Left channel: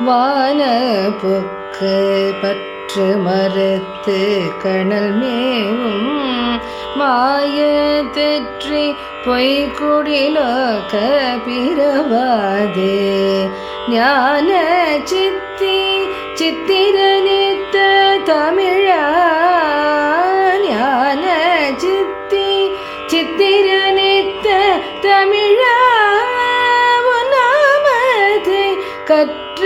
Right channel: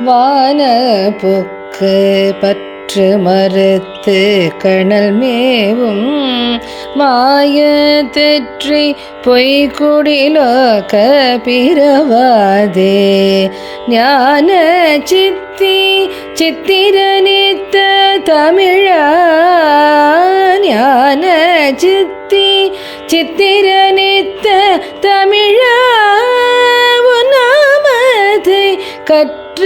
வான புக்கு பற்று மறுத்து கணல் மேவும் மாய தெற்றி பொய்குடிலோக பிறவாதே ஞான சித்தி சித்திரனித்த தமிழா ஞான சித்தி சித்திரனித்த தமிழா உன்னாமதை கற்ற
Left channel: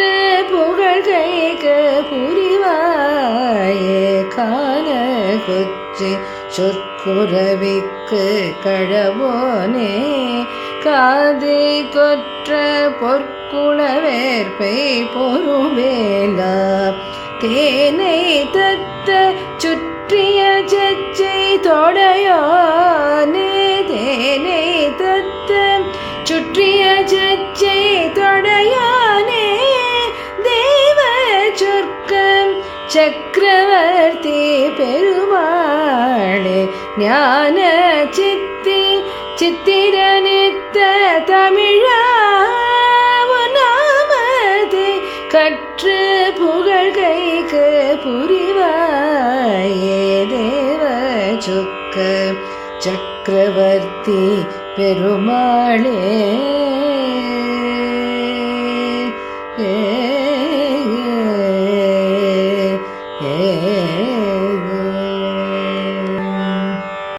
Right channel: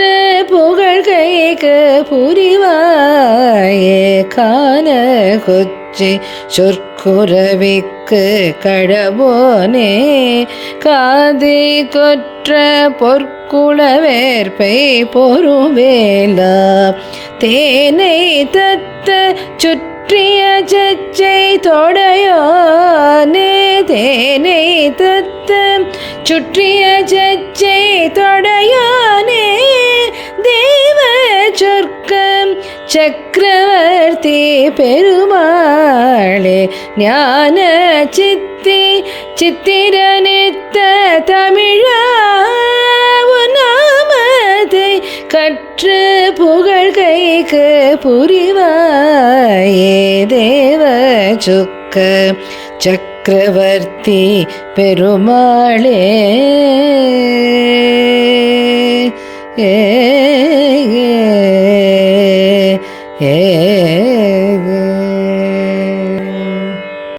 புகழ்கைக்கு புரிவாயே காண கொச்சி சொற்குறவிக்கு கடவோனே காதை கொற்ற பொற்குளவேற்பை பொறுவேலா தேனை தத்த சுற்றிய சச்சை தொடையோனே தேனை தத்த சுற்றிய சச்சை தொடையோனே தேவ சொர்க்கம் சக்கரவர்த்தி பெருமாளே ஞான சித்தி சித்திரனித்த தமிழா நாமதை கற்ற புகழ்கைக்கு புரிவாயே தேவ சொக்க சக்கரவர்த்தி பெருமாளே